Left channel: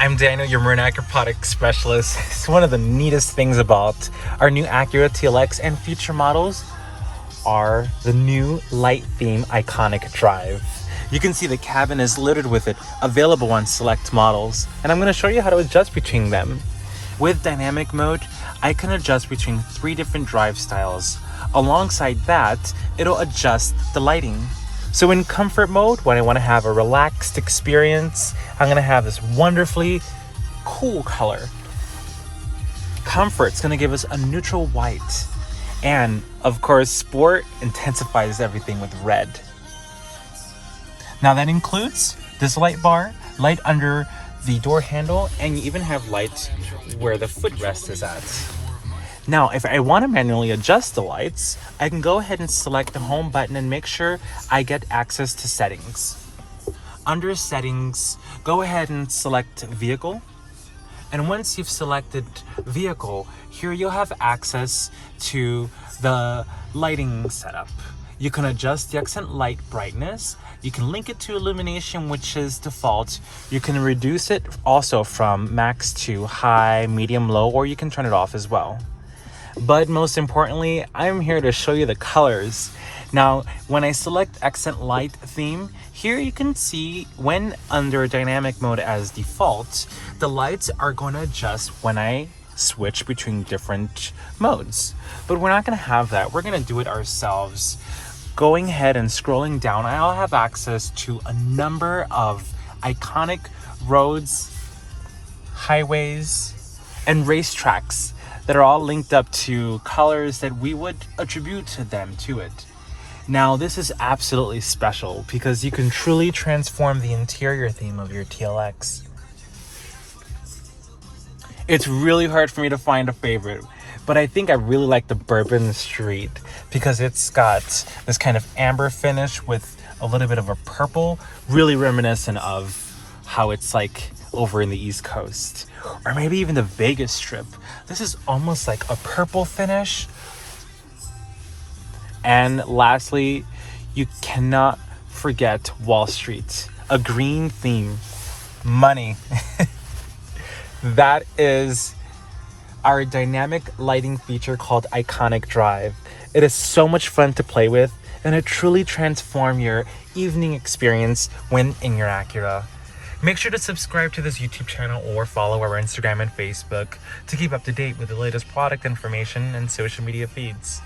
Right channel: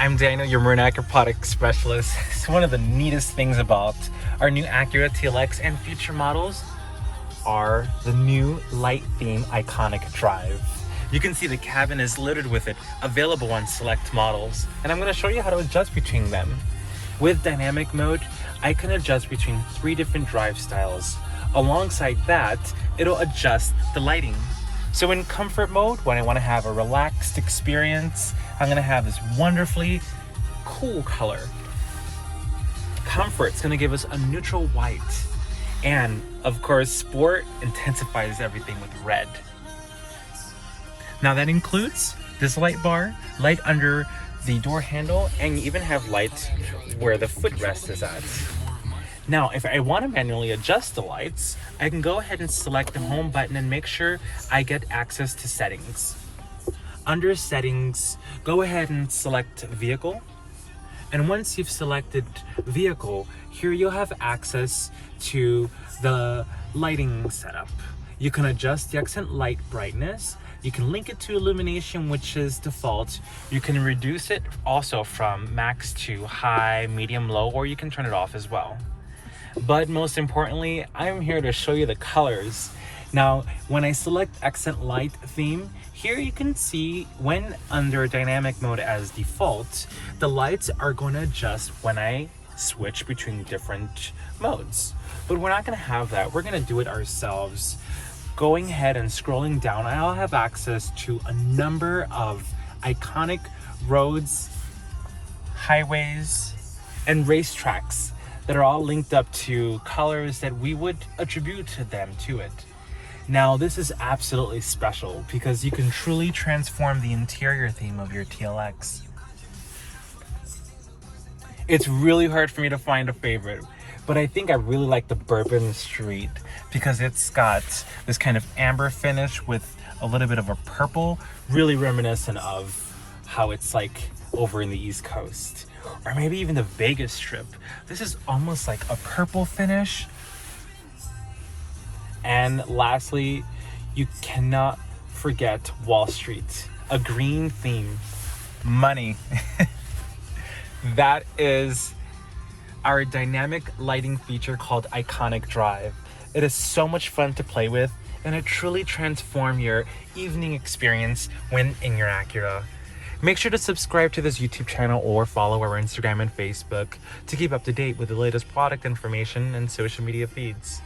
I'm Daniel, your Marine Acura product specialist. It's one of the neatest things about our new Acura TLX and future models are the new light theme iconic drive. You can see the cabin is littered with it, available on select models, and I'm going to show you how to adjust between them. With dynamic mode, I can adjust between 3 different drive styles. Alongside that, it'll adjust the lighting. So in comfort mode, when I want to have a relaxed experience, I'm going to have this wonderfully cool color. Comfort's going to give us a neutral white. And of course, sport intensifies everything with red. Now that includes this light bar, light under the door handle, and you even have lights where the footrest is at. Now, if I want to manually adjust the lights, I can go ahead and select the home button and make sure I get access to settings. Under settings, go ahead and select vehicle. And once you've selected vehicle, here you'll have access to the lighting setup. You can adjust the accent light brightness. You can link it to illumination, which is default. You can reduce it also from max to high, medium, low, or you can turn it off as well. But most importantly, I'm here to show you the colors. Now, when I select accent light theme, here you can see when under dynamic mode as default, the lights are going to adjust when I switch between different modes. But we're not going to have that. We're going to do it ourselves. Going ahead and scrolling down, I'll have access to a number of iconic roads, highways, and racetracks that are all linked up to colors that we would attribute to them to it. Now, this is absolutely special because you can truly transform the interior theme of your TLX. It's really hard for me to find a favorite, but I think I really like the Bourbon Street because it's got this kind of amber finish with a little bit of a purple, really reminiscent of how it's like over in the East Coast. Or maybe even the Vegas Strip. This is almost like a purple finish. And lastly, you cannot forget Wall Street. A green theme. Money. That is our dynamic lighting feature called Iconic Drive. It is so much fun to play with, and it truly transforms your evening experience when in your Acura. Make sure to subscribe to this YouTube channel or follow our Instagram and Facebook to keep up to date with the latest product information and social media feeds.